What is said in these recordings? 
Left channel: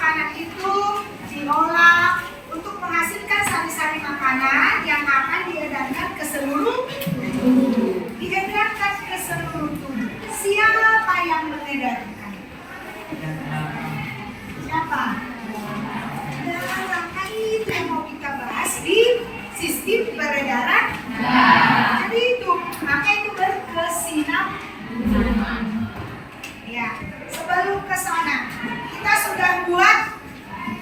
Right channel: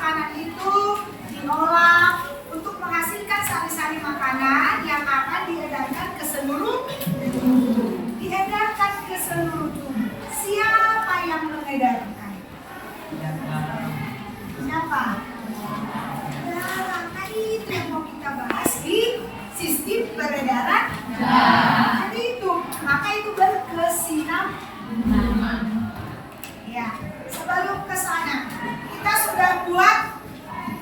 makanan itu diolah untuk menghasilkan sari-sari makanan yang akan diedarkan ke seluruh tubuh. Diedarkan ke seluruh tubuh. Siapa yang mengedarkan? Siapa? Darah. Nah, itu yang mau kita bahas di sistem peredaran darah. Jadi itu, maka itu berkesinambungan. Ya, sebelum ke sana, kita sudah buat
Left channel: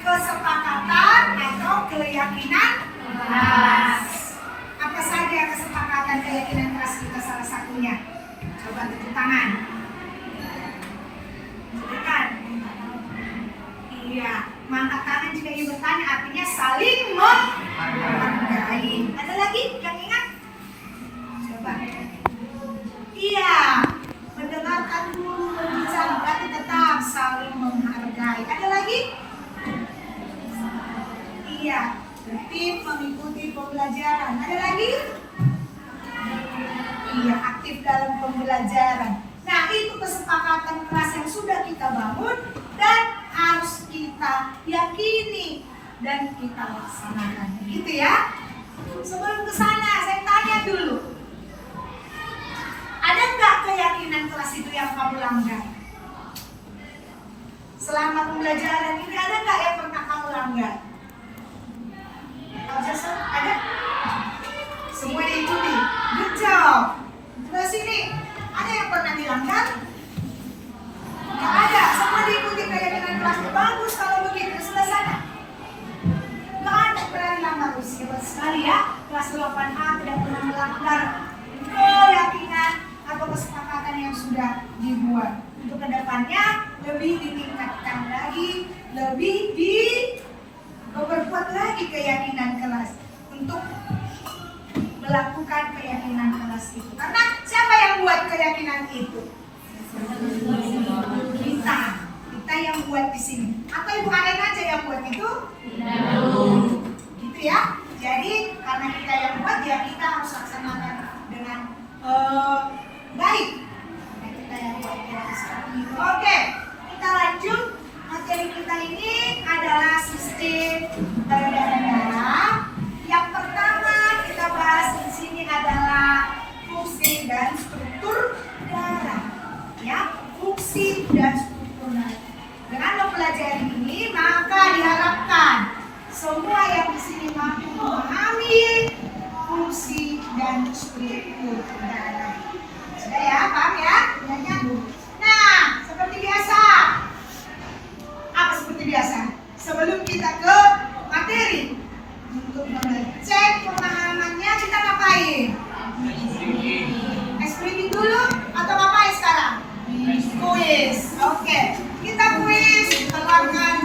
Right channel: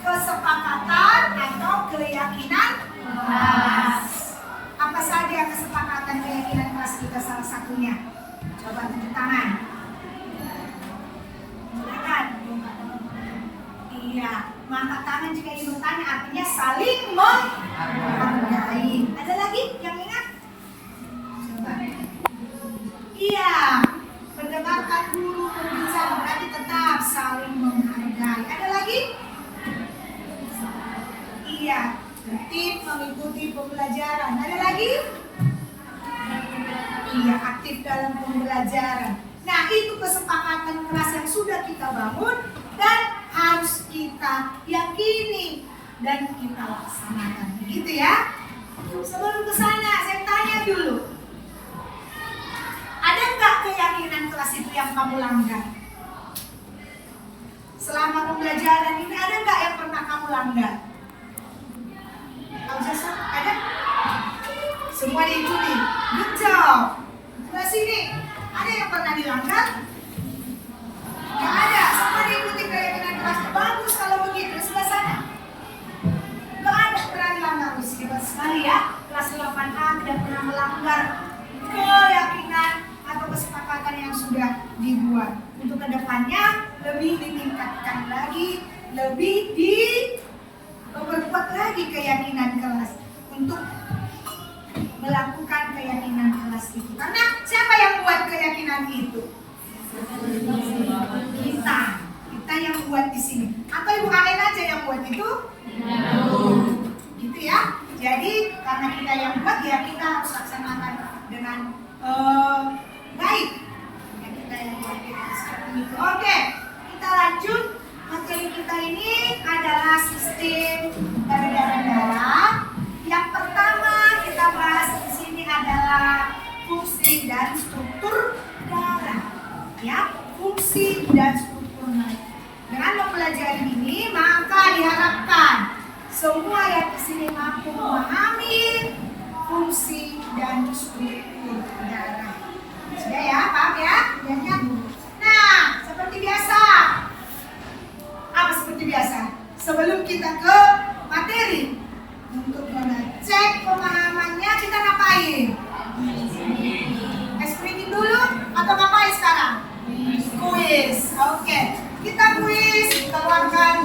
kesepakatan atau keyakinan kelas. Apa saja kesepakatan keyakinan kelas kita salah satunya? Coba tunjuk tangan. Silakan. Iya, mengangkat tangan jika ingin bertanya artinya saling menghargai. Ada lagi yang ingat? Coba. Iya, mendengarkan guru berbicara berarti tetap saling menghargai. Ada lagi? Iya, aktif mengikuti pembelajaran. Ada lagi? Iya, aktif dalam pembelajaran. Nah, itu kesepakatan kelas yang sudah kita bangun dan harus kita yakini dan kita laksanakan. Gitu ya. Sebelum ke sana, saya tanya dulu. Ada nggak keyakinan kelas itu yang kamu langgar? Selama pembelajaran ini ada nggak yang pernah kamu langgar? Kalau Jason, ada? Semua diikuti. Good job. Sebelah sini, ada yang pernah dilanggar? Nggak ada. Semua diikuti keyakinan kelasnya. Bagus kalau begitu. Sebelah sana. Nggak ada pernah dilanggar. Hebat sekali ya. Kelas 8A tidak pernah melanggar keyakinan atau kesepakatan yang sudah dibuat. Untuk kedepannya lebih ditingkatkan lagi, lebih memperkuat lagi keyakinan kelas untuk melakukan keyakinan kelas itu. Karena siapa yang buat keyakinan itu? Kita yang buat di sini. Atau Ibu Aren aja yang buat itu? Gitu ya. Jadi karena kita yang buat ya kita harus laksanakan dengan baik. Karena kita yang buat ya seperti itu. Oke, kita lanjut. Materi kita ini adalah sistem peredaran darah. Yang pertama kita bahas di sini adalah fungsi dan struktur darah. Ya, fungsi dan struktur darah. Dengan mempelajari ini maka diharapkan semua yang di sini mampu memahami fungsi dan struktur darah. Sudah ya, paham ya? Nah, seperti biasa. Apa seperti biasa? Sebelum kita ke materi, untuk mengecek pemahamannya kita ngapain? Explain dulu atau ngapain sekarang? Kuis. Oke, kita kuis. Keluarkan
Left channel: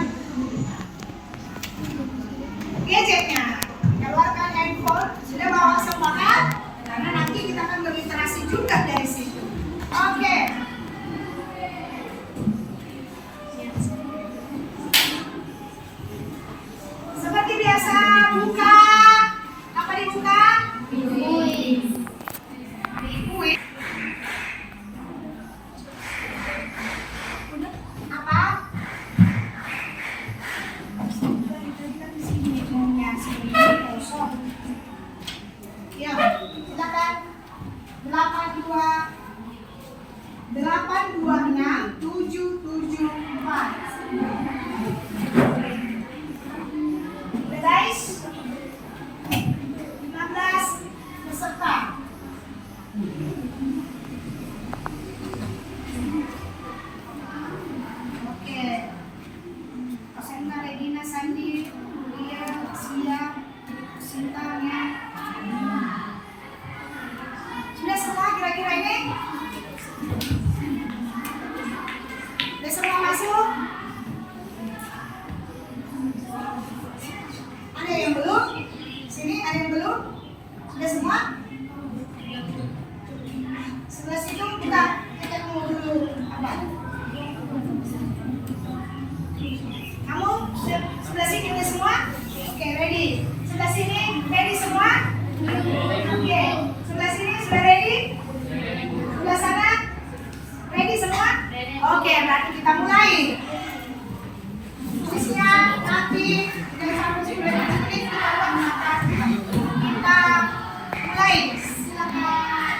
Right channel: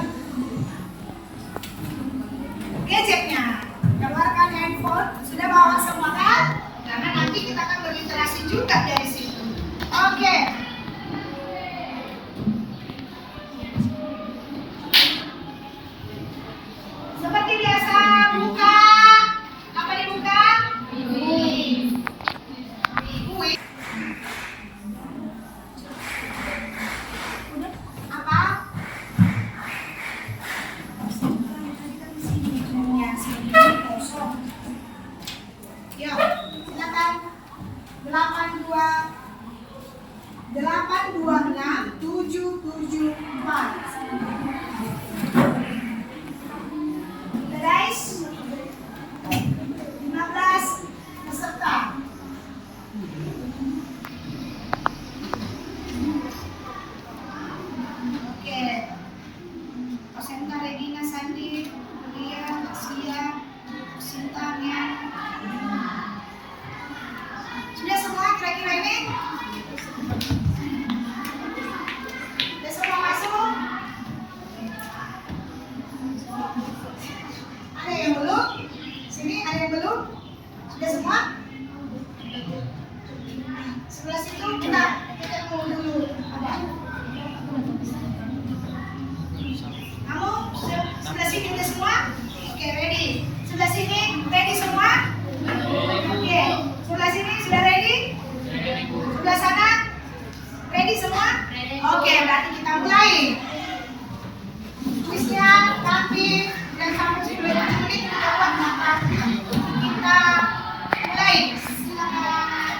gadgetnya, keluarkan handphone. Sudah bawa sepakat? Karena nanti kita akan berliterasi juga dari situ. Oke. Seperti biasa, buka. Apa dibuka? Kuis. Apa? aktif dan sampai 10 menit kita buat mata. Kita mulai. Silakan.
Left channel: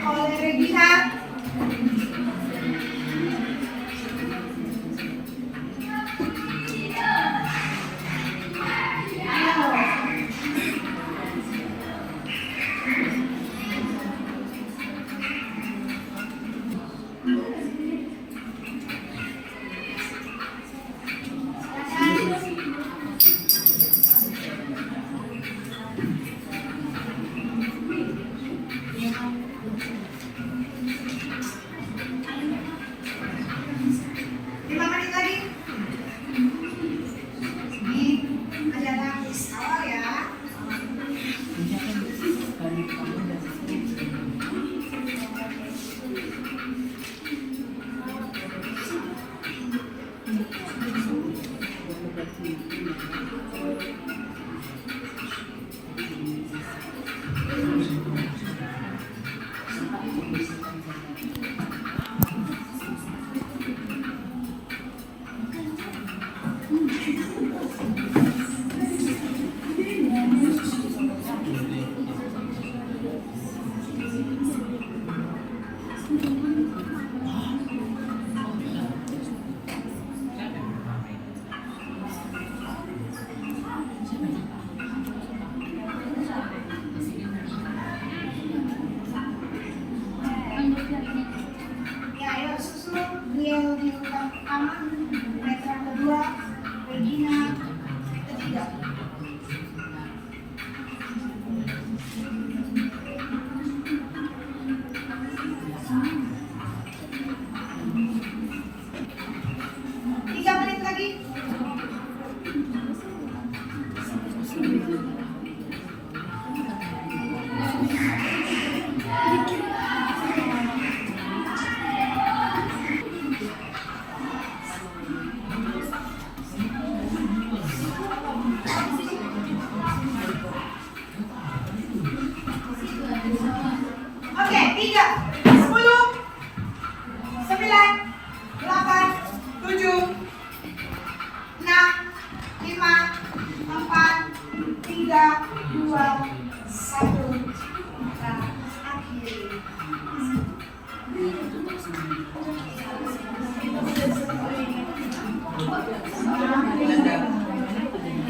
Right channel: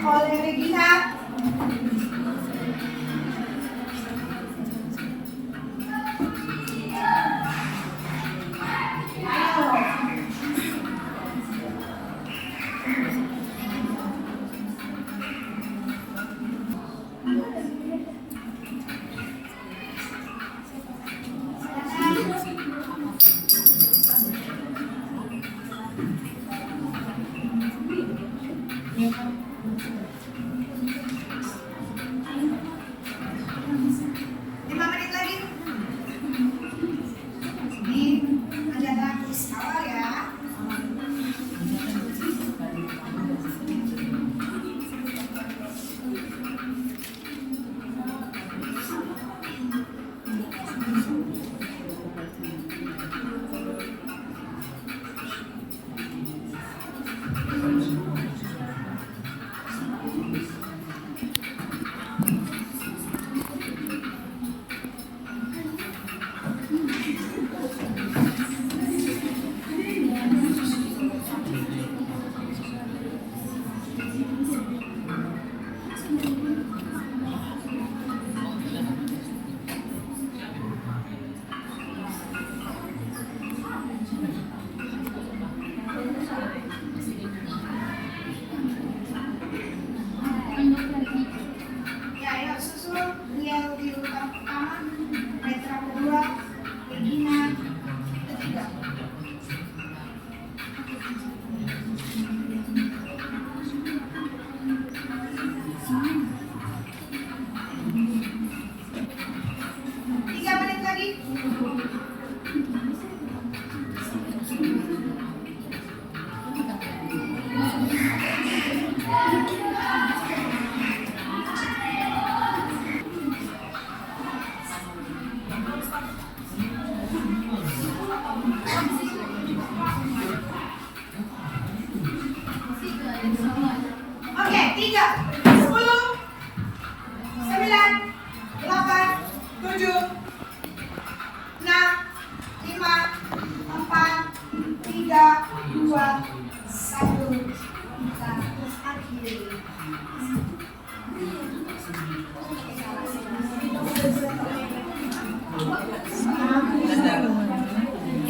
Oleh Regina.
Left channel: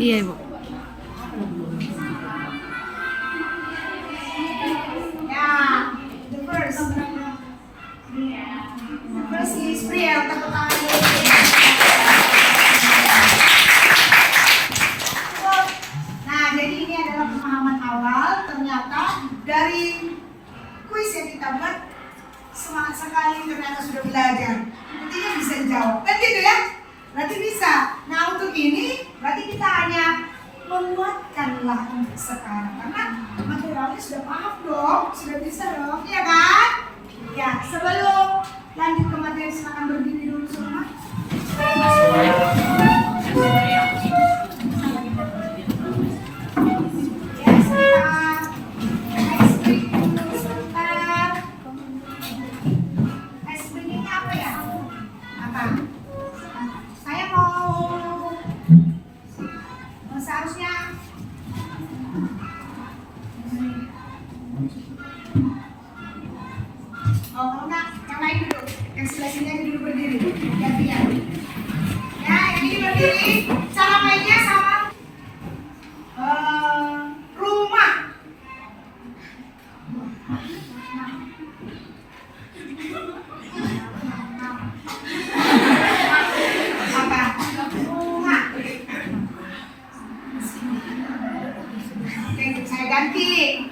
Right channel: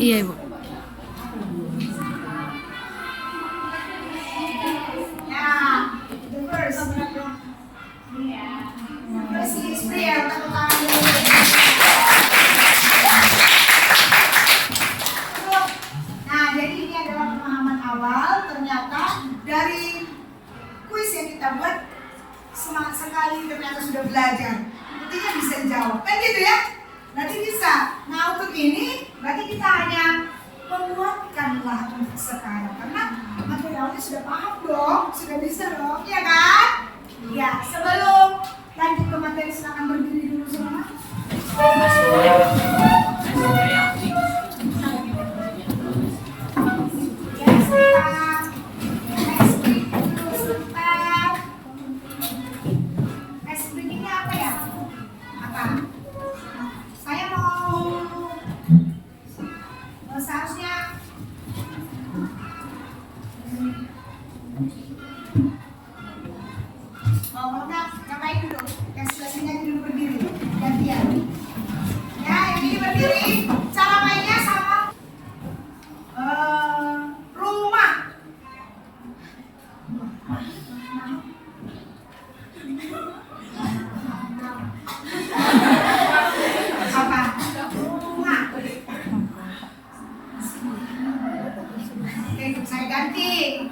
Iya, Ibu. Ya, the first is prayer. Tepuk tangan dulu. Nah, jadi ini adalah pemahaman awal. Ternyata dari kuis yang kita buat, semangat sekali ternyata sudah belajar. Buktinya bisa jawab, kan gitu ya? Berarti bisa. Nah, untuk ini berarti kita hanya menguatkanlah untuk sekarang, karena materialnya sudah paham dong, sudah bisa dong, ya kan? Ya, sebelum lanjut ke materi silakan berdiri dulu semua. Ya, sebentar. Ice break dulu sebentar. Ice break ini apa ya? Apa? Saya mau seharusnya kalau enggak, yang lain duduk, yang sebelah sini aja dulu berdiri, gantian. Ya, yang ini berdiri. ganti.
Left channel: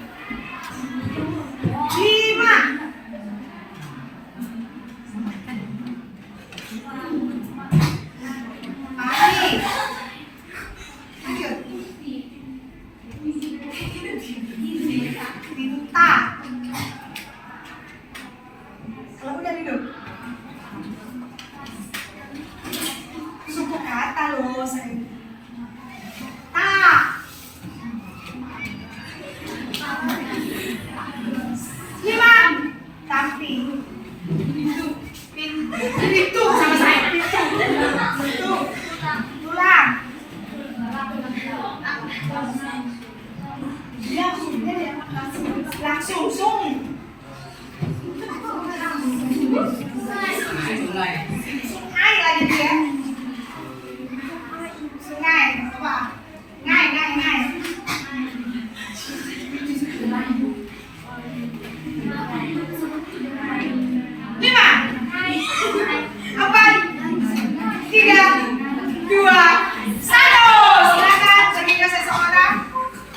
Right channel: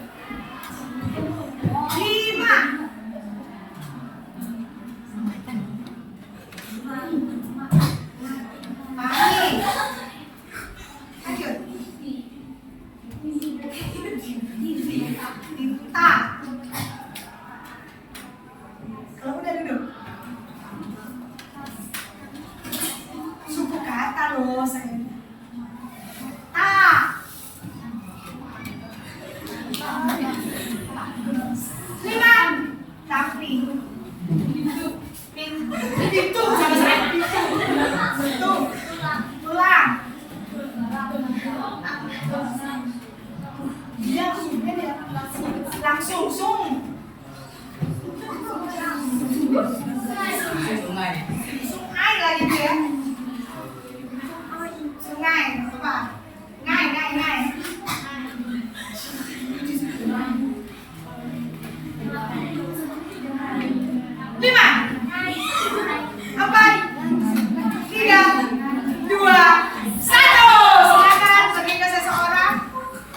5. Mari. Lanjut. Tinta. Kalau udah duduk. Suku kata loh saya. Ta. 5. Tapi. Pintu sama saya. Pintu. Tulang. Dia langsung sung. Sungai lagi dia. Sungai apa? Ngai. 5. 4, 3, 2, 1. Silakan bagi ke seseorang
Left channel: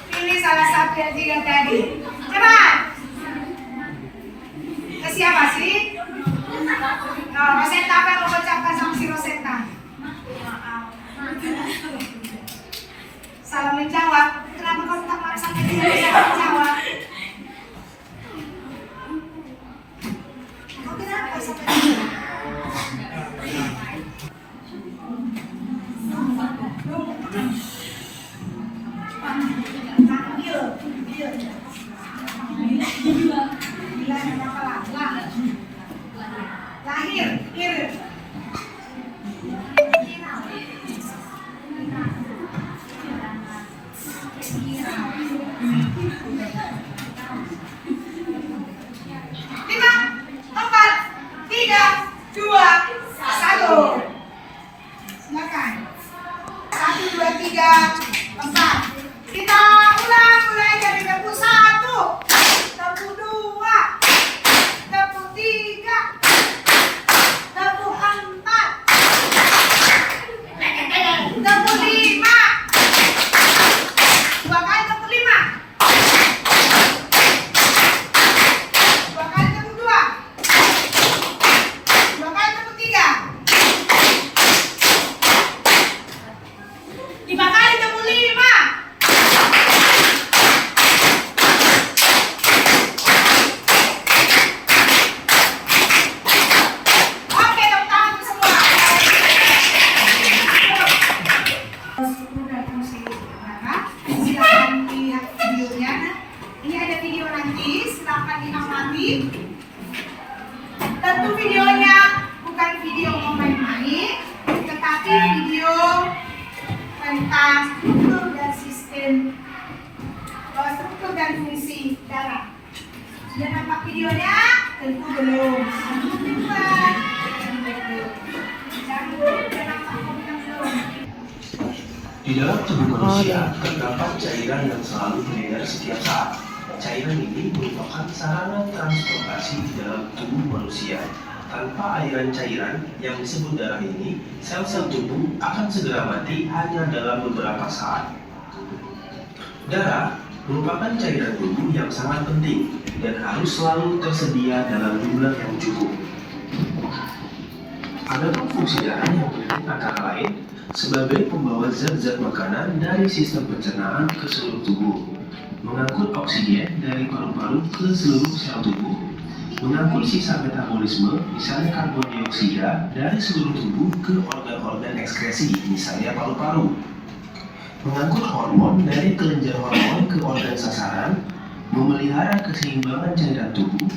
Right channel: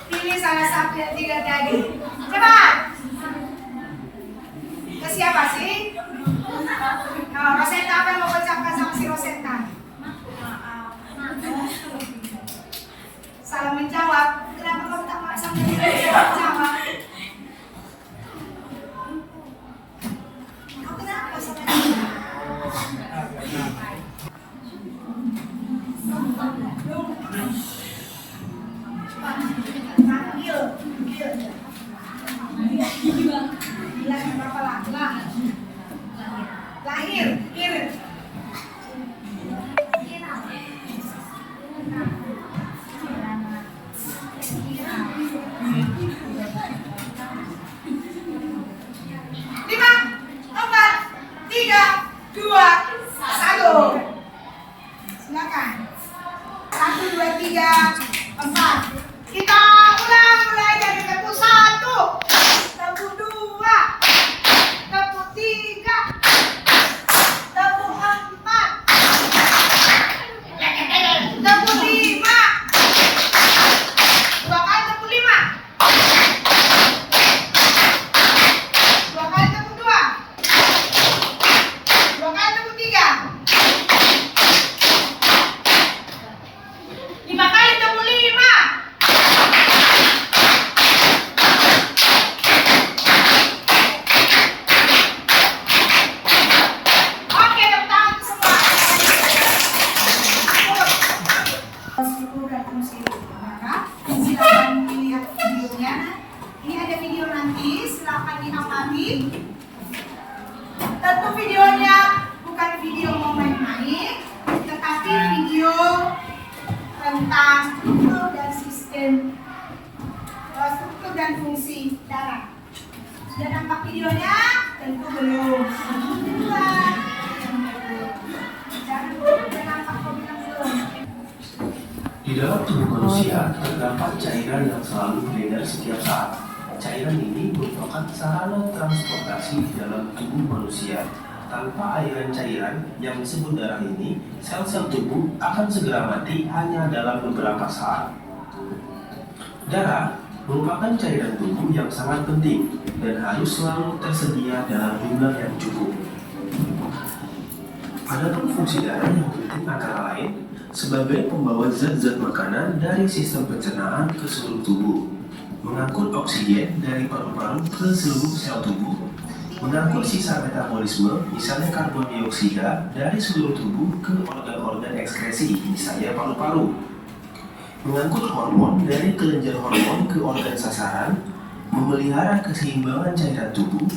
pilih salah satu yang 3 tadi. Cepat. Ke siapa sih? Nah, Rosetta apa yang mau ucapkan sama si Rosetta? Salah menjawab. Kenapa kamu tak maaf sampai tidak bisa menjawab? Kau kenapa sampai tidak? Lahir, Lima, 4, 3, 2, 1. Silakan. 1, 2, 3, 4. Kita ulang mulai dari tepuk 1, tepuk 2, tepuk 3, tepuk 4, tepuk 5. 2 kali tepuk 5. 2 kali tepuk 2. 2 kali tepuk 3. 5 kali tepuk 5. Oke, tepuk tangan untuk semua. Syukur dan fungsi kamera. Silakan lihat videonya. Ini ada video nanti, silakan diamati. Tentu videonya bukan video mau main-main, tetapi video tentang struktur dan sistem, struktur dan fungsi darah. Sudah nampak videonya? Tentu belum. Dibuat. Sudah nampak videonya belum? Di dalam tubuh manusia terdapat cairan yang selalu beredar setiap saat. Cairan ini merupakan sarana transportasi di dalam tubuh manusia. Tanpa aliran cairan yang disebut darah ini, sel-sel tubuh akan segera mati hanya dalam beberapa saat. Darah merupakan cairan tubuh yang sangat penting dan harus selalu tersedia dalam jumlah yang cukup. Adapun fungsi darah yang penting antara lain sebagai pembawa zat-zat makanan dari sistem pencernaan ke seluruh tubuh, mengangkut oksigen dari paru-paru ke seluruh sel tubuh, mengangkut sisa metabolisme, misalnya karbon dioksida, dari seluruh tubuh ke organ-organ ekskresi, misalnya paru-paru, mengangkut hormon dari kelenjar hormon ke organ sasaran, memelihara keseimbangan cairan tubuh,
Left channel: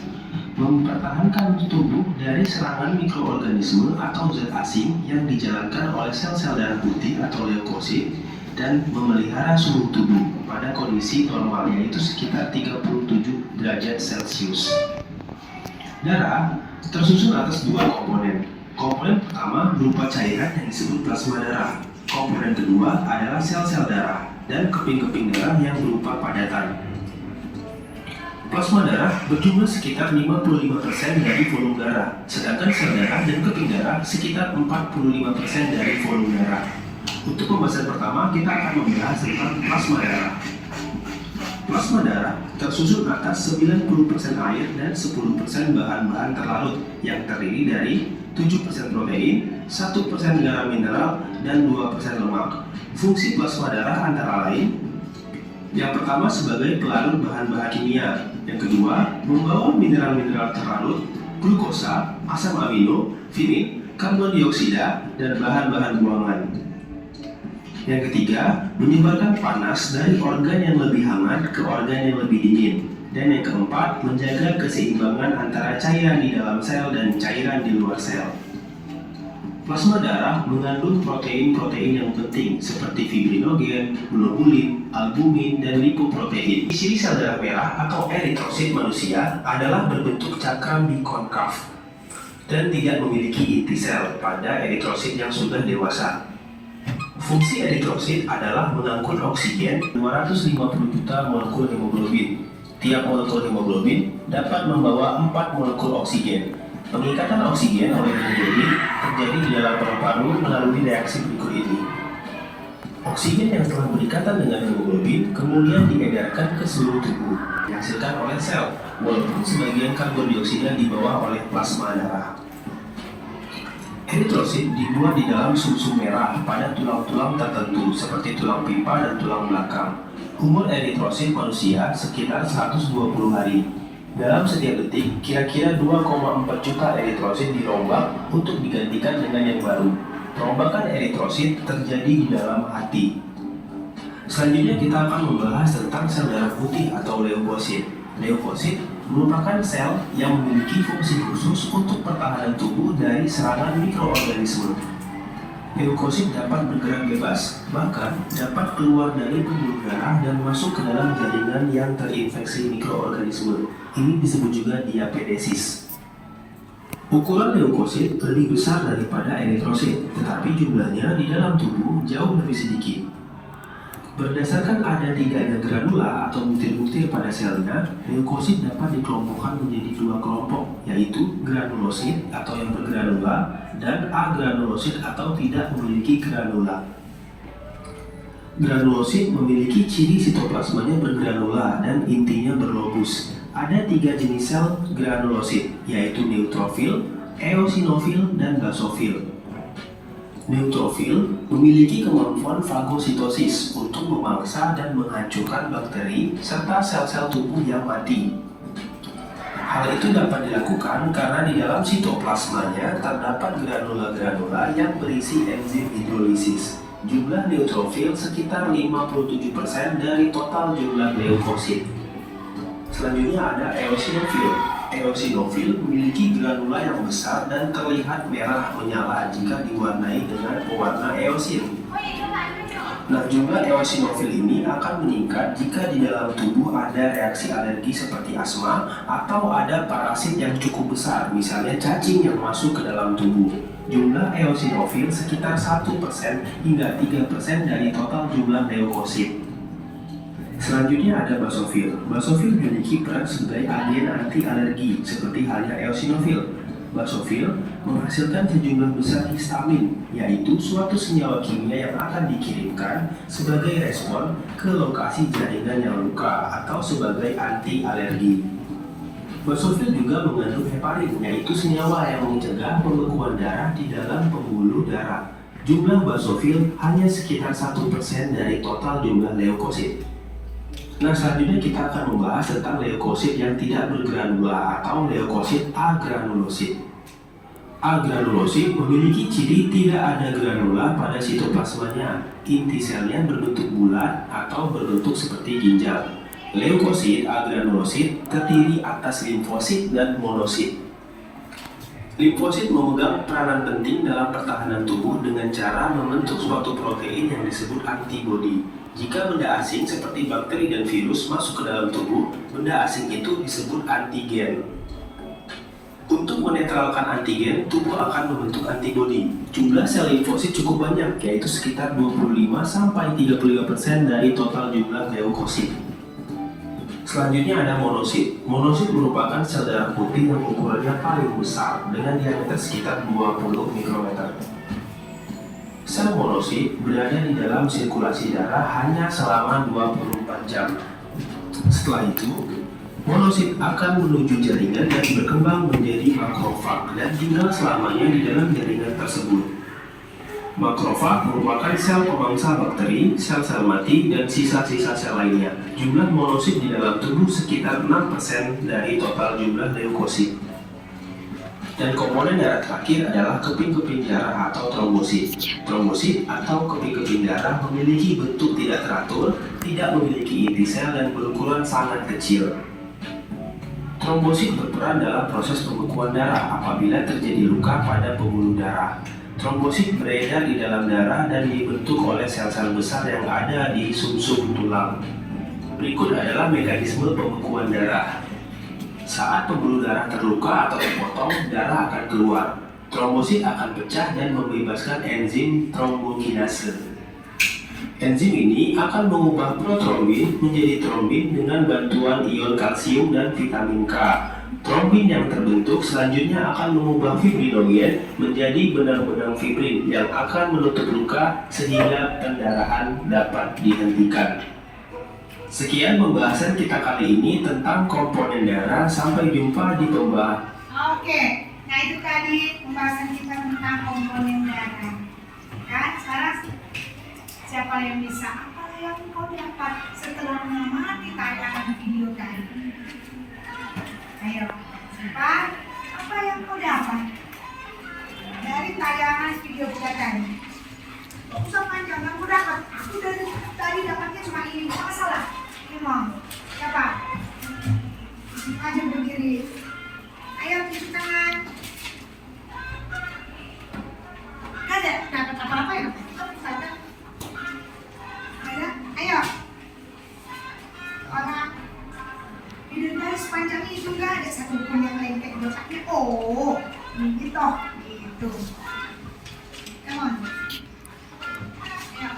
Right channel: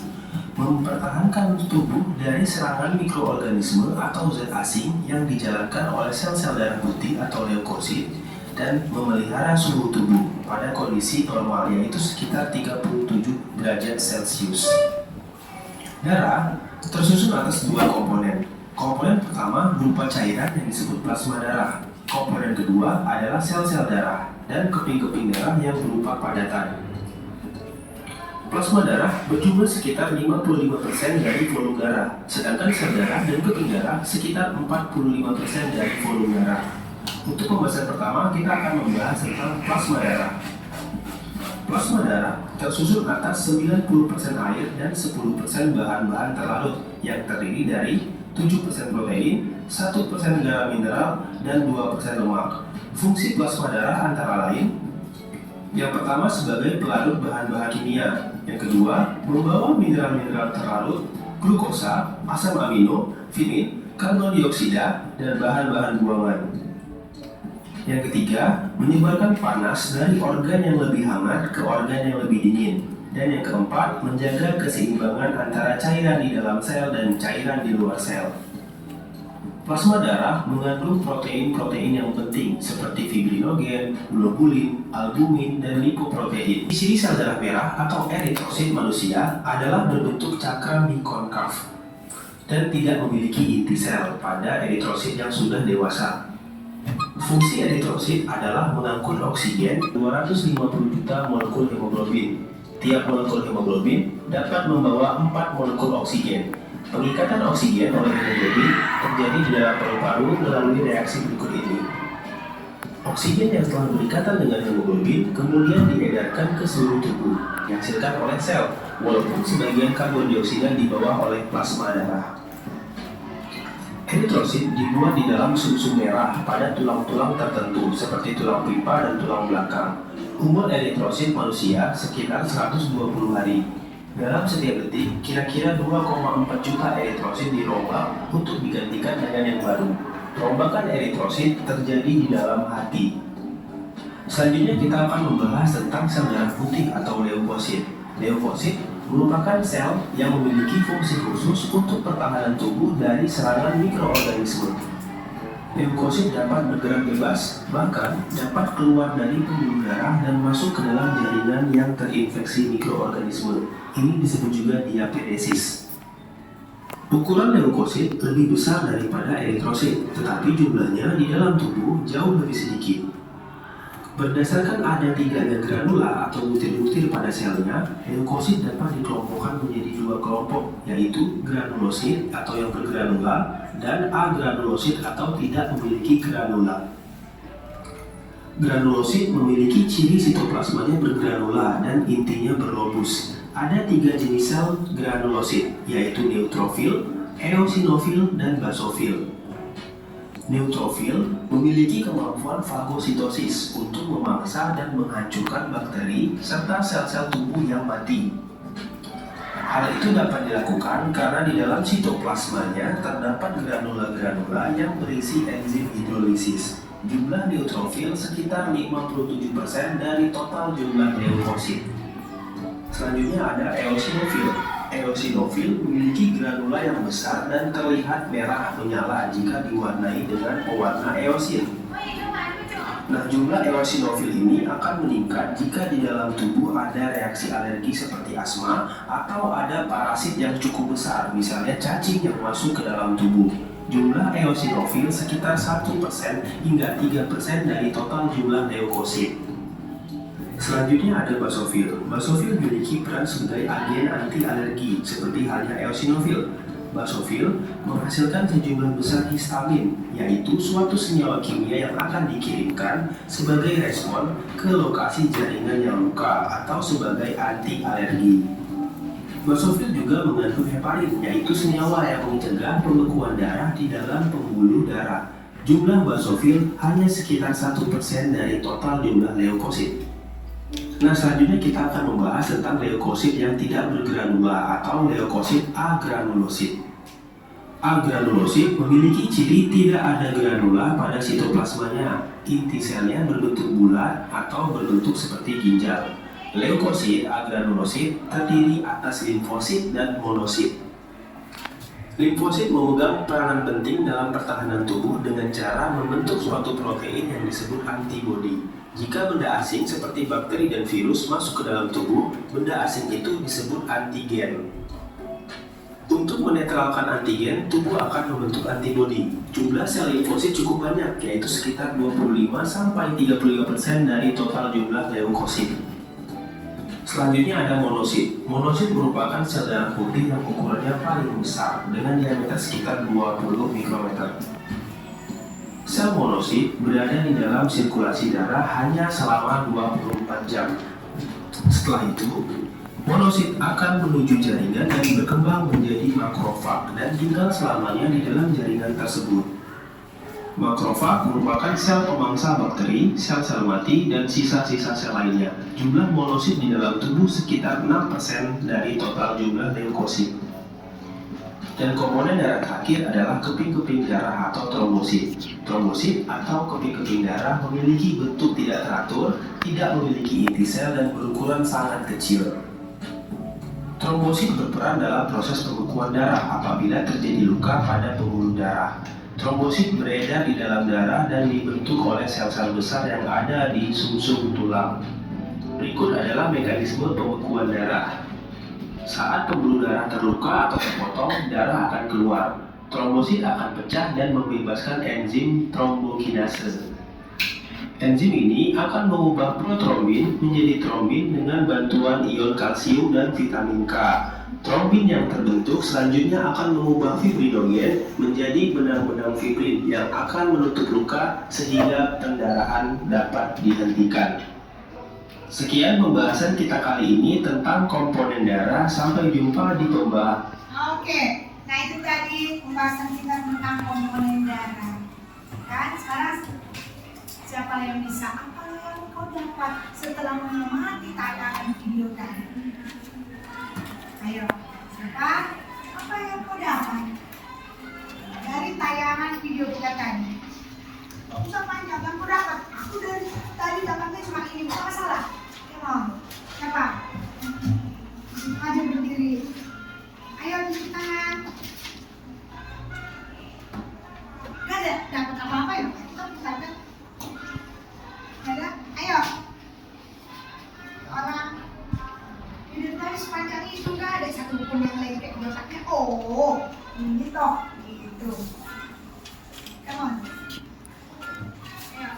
mempertahankan tubuh dari serangan mikroorganisme atau zat asing yang dijalankan oleh sel-sel darah putih atau leukosit, dan memelihara suhu tubuh pada kondisi normal, yaitu sekitar 37 derajat Celcius. Darah tersusun atas 2 komponen. Komponen pertama berupa cairan yang disebut plasma darah. Komponen kedua adalah sel-sel darah dan keping-keping darah yang berupa padatan. Plasma darah berjumlah sekitar 55% dari volume darah, sedangkan sel darah dan keping darah sekitar 45% dari volume darah. Untuk pembahasan pertama, kita akan membahas tentang plasma darah. Plasma darah tersusun atas 90% air dan 10% bahan-bahan terlarut yang terdiri dari 7% protein, 1% garam mineral, dan 2% lemak. Fungsi plasma darah antara lain: yang pertama sebagai pelarut bahan-bahan kimia, yang kedua membawa mineral-mineral terlarut, glukosa, asam amino, vitamin, karbon dioksida, dan bahan-bahan buangan. Yang ketiga, menyebarkan panas dari organ yang lebih hangat ke organ yang lebih dingin. Dan yang keempat, menjaga keseimbangan antara cairan di dalam sel dan cairan di luar sel. Plasma darah mengandung protein-protein yang penting seperti fibrinogen, globulin, albumin, dan lipoprotein. Ciri sel darah merah atau eritrosit manusia adalah berbentuk cakram bikonkav dan tidak memiliki inti sel pada eritrosit yang sudah dewasa. Fungsi eritrosit adalah mengangkut oksigen 250 juta molekul hemoglobin. Tiap molekul hemoglobin dapat membawa 4 molekul oksigen. Pengikatan oksigen oleh hemoglobin terjadi di dalam paru-paru melalui reaksi berikut ini. Oksigen yang telah berikatan dengan hemoglobin kemudian diedarkan ke seluruh tubuh, dihasilkan oleh sel, walaupun sebagian karbon dioksida dibawa oleh plasma darah. Eritrosit dibuat di dalam sumsum merah pada tulang-tulang tertentu seperti tulang pipa dan tulang belakang. Umur eritrosit manusia sekitar 120 hari. Dalam setiap detik, kira-kira 2,4 juta eritrosit dirombak untuk digantikan dengan yang baru. Perombakan eritrosit terjadi di dalam hati. Selanjutnya kita akan membahas tentang sel darah putih atau leukosit. Leukosit merupakan sel yang memiliki fungsi khusus untuk pertahanan tubuh dari serangan mikroorganisme. Leukosit dapat bergerak bebas, bahkan dapat keluar dari pembuluh darah dan masuk ke dalam jaringan yang terinfeksi mikroorganisme. Ini disebut juga diapedesis. Ukuran leukosit lebih besar daripada eritrosit, tetapi jumlahnya di dalam tubuh jauh lebih sedikit. Berdasarkan ada tidaknya granula atau butir-butir pada selnya, leukosit dapat dikelompokkan menjadi dua kelompok, yaitu granulosit atau yang bergranula dan agranulosit atau tidak memiliki granula. Granulosit memiliki ciri sitoplasmanya bergranula dan intinya berlobus. Ada 3 jenis sel granulosit, yaitu neutrofil, eosinofil, dan basofil. Neutrofil memiliki kemampuan fagositosis untuk memangsa dan menghancurkan bakteri serta sel-sel tubuh yang mati. Hal itu dapat dilakukan karena di dalam sitoplasmanya terdapat granula-granula yang berisi enzim hidrolisis. Jumlah neutrofil sekitar 57% dari total jumlah leukosit. Selanjutnya ada eosinofil. Eosinofil memiliki granula yang besar dan terlihat merah menyala jika diwarnai dengan pewarna eosin. Nah, jumlah eosinofil ini akan meningkat jika di dalam tubuh ada reaksi alergi seperti asma atau ada parasit yang cukup besar, misalnya cacing yang masuk ke dalam tubuh. Jumlah eosinofil sekitar 1% hingga 3% dari total jumlah leukosit. Selanjutnya ada basofil. Basofil memiliki peran sebagai agen anti-alergi seperti halnya eosinofil. Basofil menghasilkan sejumlah besar histamin, yaitu suatu senyawa kimia yang akan dikirimkan sebagai respon ke lokasi jaringan yang luka atau sebagai anti-alergi. Basofil juga mengandung heparin, yaitu senyawa yang mencegah pembekuan darah di dalam pembuluh darah. Jumlah basofil hanya sekitar 1% dari total jumlah leukosit. Nah, selanjutnya kita akan membahas tentang leukosit yang tidak bergranula atau leukosit agranulosit. Agranulosit memiliki ciri tidak ada granula pada sitoplasmanya. Inti selnya berbentuk bulat atau berbentuk seperti ginjal. Leukosit agranulosit terdiri atas limfosit dan monosit. Limfosit memegang peranan penting dalam pertahanan tubuh dengan cara membentuk suatu protein yang disebut antibodi. Jika benda asing seperti bakteri dan virus masuk ke dalam tubuh, benda asing itu disebut antigen. Untuk menetralkan antigen, tubuh akan membentuk antibodi. Jumlah sel limfosit cukup banyak, yaitu sekitar 25-35% dari total jumlah leukosit. Selanjutnya ada monosit. Monosit merupakan sel darah putih yang ukurannya paling besar dengan diameter sekitar 20 mikrometer. Sel monosit berada di dalam sirkulasi darah hanya selama 24 jam. Setelah itu, monosit akan menuju jaringan dan berkembang menjadi makrofag dan tinggal selamanya di dalam jaringan tersebut. Makrofag merupakan sel pemangsa bakteri, sel-sel mati, dan sisa-sisa sel lainnya. Jumlah monosit di dalam tubuh sekitar 6% dari total jumlah leukosit. Dan komponen darah terakhir adalah keping-keping darah atau trombosit. Trombosit atau keping-keping darah memiliki bentuk tidak teratur, tidak memiliki inti sel, dan berukuran sangat kecil. Trombosit berperan dalam proses pembekuan darah apabila terjadi luka pada pembuluh darah. Trombosit beredar di dalam darah dan dibentuk oleh sel-sel besar yang ada di sumsum tulang. Berikut adalah mekanisme pembekuan darah. Saat pembuluh darah terluka atau terpotong, darah akan keluar. Trombosit akan pecah dan membebaskan enzim trombokinase. Enzim ini akan mengubah protrombin menjadi trombin dengan bantuan ion kalsium dan vitamin K. Trombin yang terbentuk selanjutnya akan mengubah fibrinogen menjadi benang-benang fibrin yang akan menutup luka sehingga pendarahan dapat dihentikan. Sekian pembahasan kita kali ini tentang komponen darah. Sampai jumpa di pembahasan. Oke, nah itu tadi pembahasan kita tentang komponen darah. Kan sekarang siapa yang bisa? Apa yang kau dapat setelah mengamati tayangan video tadi? Ayo, siapa? Apa yang kau dapat dari tayangan video kita tadi? Gak usah panjang, yang kau dapat. Aku dari tadi dapatnya cuma ini, gak masalah. Ini siapa? Aja berdiri. Ayo tunjuk tangan. Gak ada dapat apa-apa ya? Kita ada. Ada? Ayo. Orang video tadi sepanjang itu nggak ada satu pun yang lengket belakangnya. Oh, ini toh gitu. Come on. Ayo.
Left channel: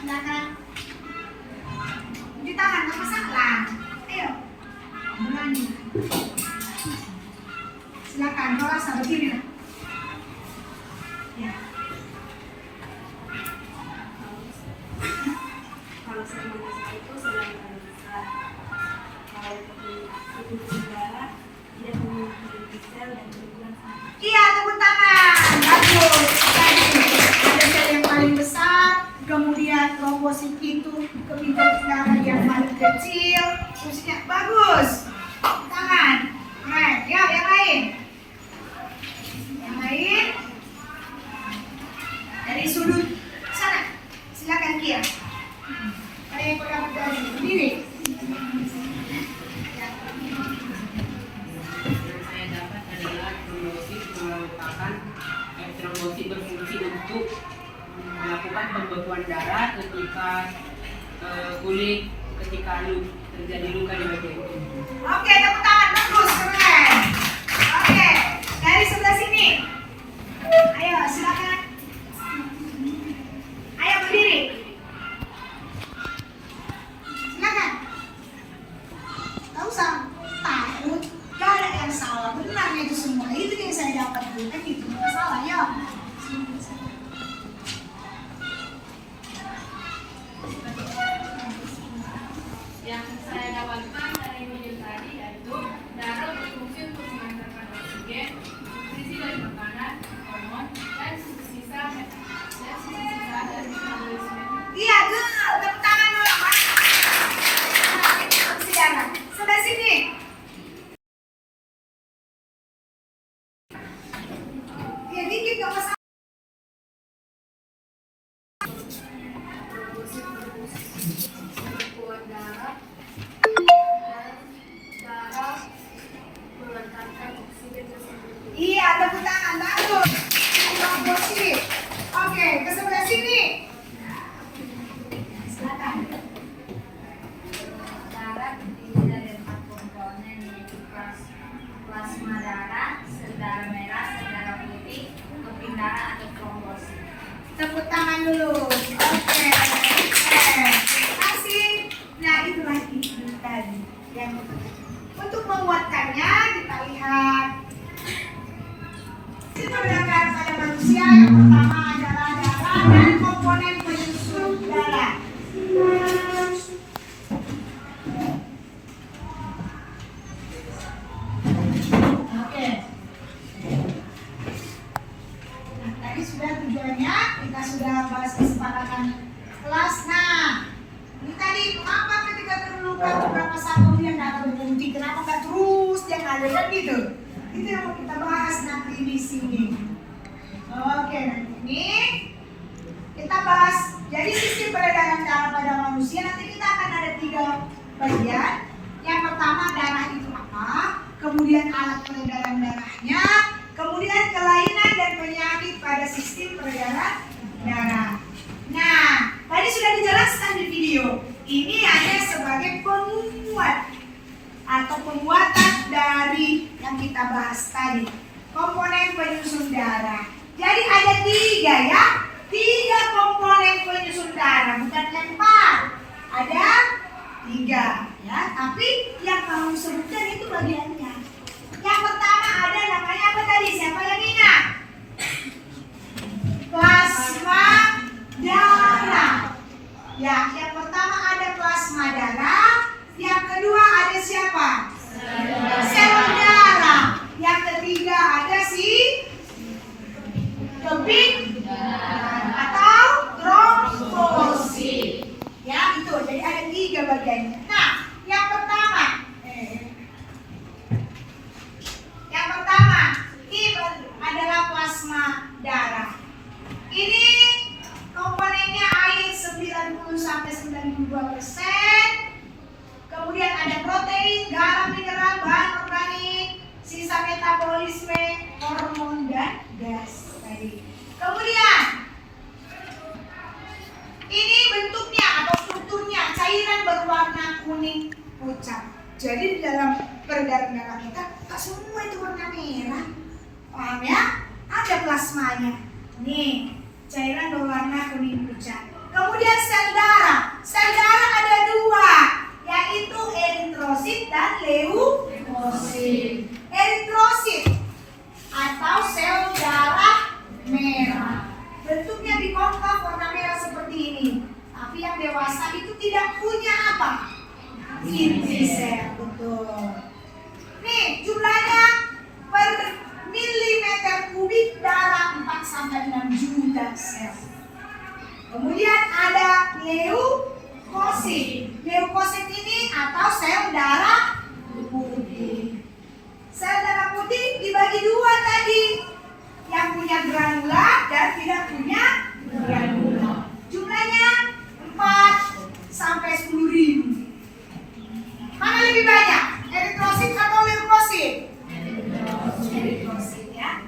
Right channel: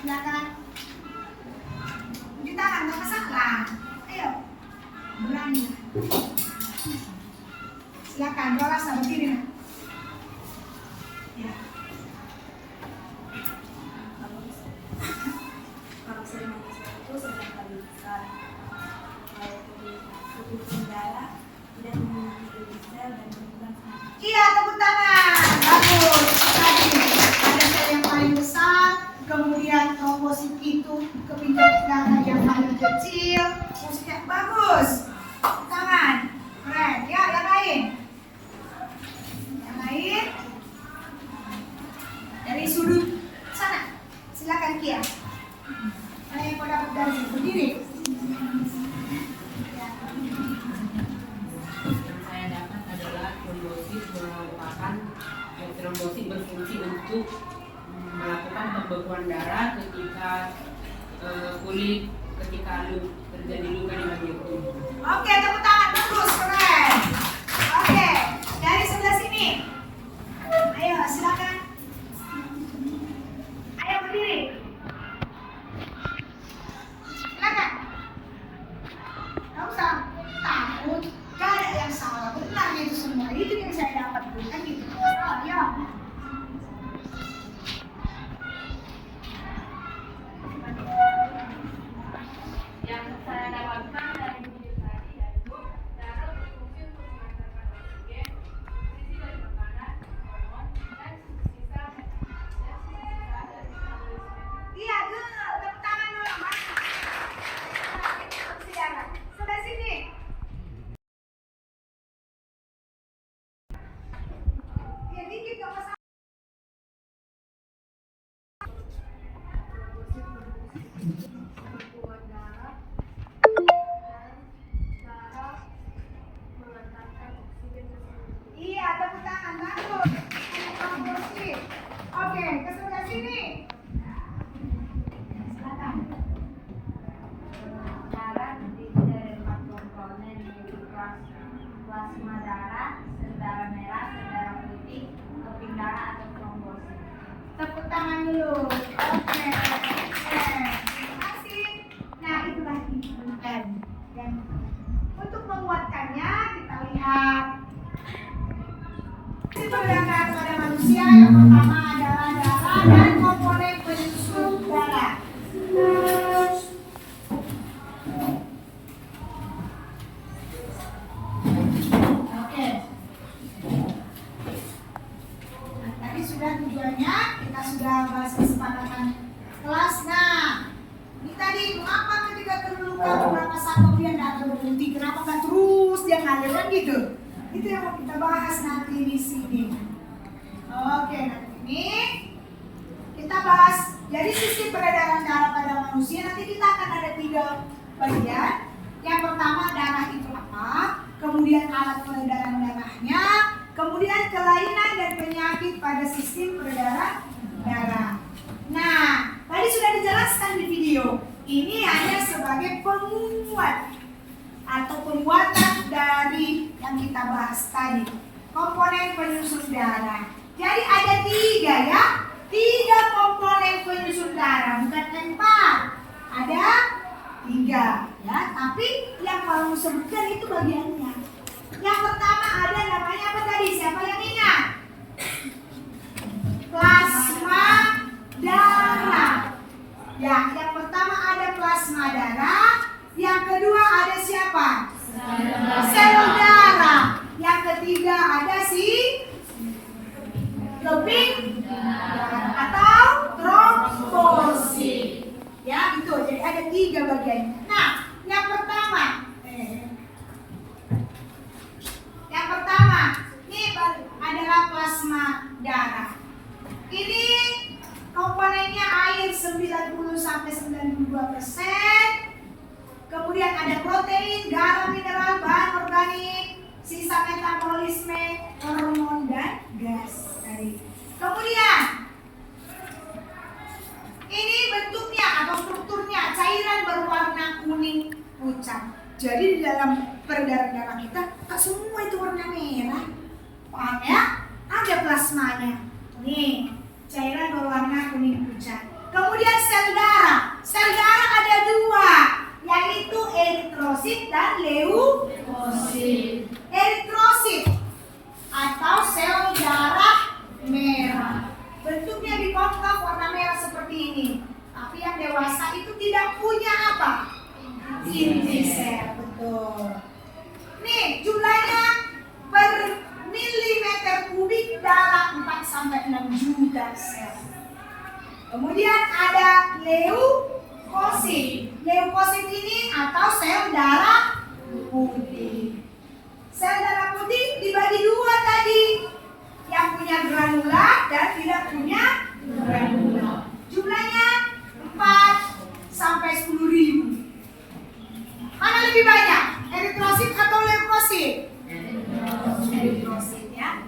Silakan. Di tangan nggak masalah. Ayo. Berani. Silakan. Bawa sama berdiri. Ya. Kalau sering mengesal itu sedang paling besar. Kalau tubuh darah tidak memiliki inti sel dan berukuran sama. Iya, tepuk tangan. Bagus. Tadi ada sel yang paling besar, kemudian trombosit itu keping-keping darah yang paling kecil. Musiknya bagus. Tepuk tangan. Keren. Ya, yang lain. Yang lain. Dari sudut sana. Silakan Kia. Ada yang kau dapat dari berdiri? Ya. Yang saya dapat adalah trombosit merupakan trombosit berfungsi untuk melakukan pembekuan darah ketika terjadi luka di bagian tubuh. Oke, tepuk tangan bagus, keren. Oke, dari sebelah sini. Ayo, silakan. Ayo berdiri. Silakan. Tahu usah takut. Gak ada yang salah. Benarnya itu semua. Itu yang saya dapat dulu kan gitu. Gak salah ya. Yang saya dapatkan dari video tadi yaitu darah berfungsi untuk mengantarkan oksigen, nutrisi dari makanan, hormon, dan sisa-sisa dari metabolisme. Iya, tuh. Tepuk tangan dulu. Silakan. Sebelah sini. Ya dikit gak masalah. Pembekuan darah mengantarkan oksigen tersebut. Iya, tepuk tangan bagus. Trombosit. Oke, ke sebelah sini. Silakan. Darah terdiri dari 4 komponen yaitu plasma darah, sel darah merah, sel darah putih, keping darah atau trombosit. Tepuk tangan dulu. Oke. Terima kasih. Nah, itulah itu tadi. Yang untuk menguatkannya kita lihat. Itu berangkat pada manusia yang pertama adalah darah dan komponen penyusun darah. saat kemudian darah berhenti, kenapa nggak terus dia ngalir kan gitu? Itu yang mau kita bahas nanti di sini. Oke, nanti ini kita bahas. Jadi sistem peredaran darah pada manusia nanti kita akan ada 3 bagian. Yang pertama darah itu apa, kemudian alat peredaran darahnya, kemudian kelainan dan penyakit pada sistem peredaran darah. Nah, tadi sudah dijelaskan di video. Ini hanya sebagai penguat atau penguatan dari yang kita bahas tadi, komponen penyusun darah. Jadi ada 3 ya, 3 komponen penyusun darah, bukan 4. Ada 3 ya, tapi yang kamu sebutkan itu bagiannya. Yang pertama ada namanya apa tadi? Siapa yang ingat? Plasma darah. Ya, yang pertama ada plasma darah. Yang kedua ada siapa? Sel darah. Yang ketiga ada keping atau trombosit. Ya, itu. Jadi ada 3 bagiannya. Nah, yang pertama ini adalah plasma darah. Ini komponennya air 90-92%. Kemudian ada protein, garam, mineral, bahan organik, sisa metabolisme, hormon dan gas. Kemudian ini bentuknya atau strukturnya cairan berwarna kuning pucat. Jadi di dalam peredaran darah kita tak semua itu warna merah. Paham ya? Ada plasmanya. Nih, cairan berwarna kuning pucat. Kemudian sel darah. Sel darah ada 2, yaitu eritrosit dan leukosit. Eritrosit atau sel darah merah. Bentuknya bikonkav warna merah seperti ini. Tapi yang dewasa itu tidak punya apa? Inti sel, betul. Nih, jumlahnya per milimeter kubik darah 4-6 juta sel. Kemudian ada leukosit. Leukosit ini atau sel darah putih. Sel darah putih dibagi 2 tadi. Yang punya granular dan tidak punya granular. Jumlahnya 4-10.000. Mana lebih banyak? Eritrosit atau leukosit? Eritrosit ya.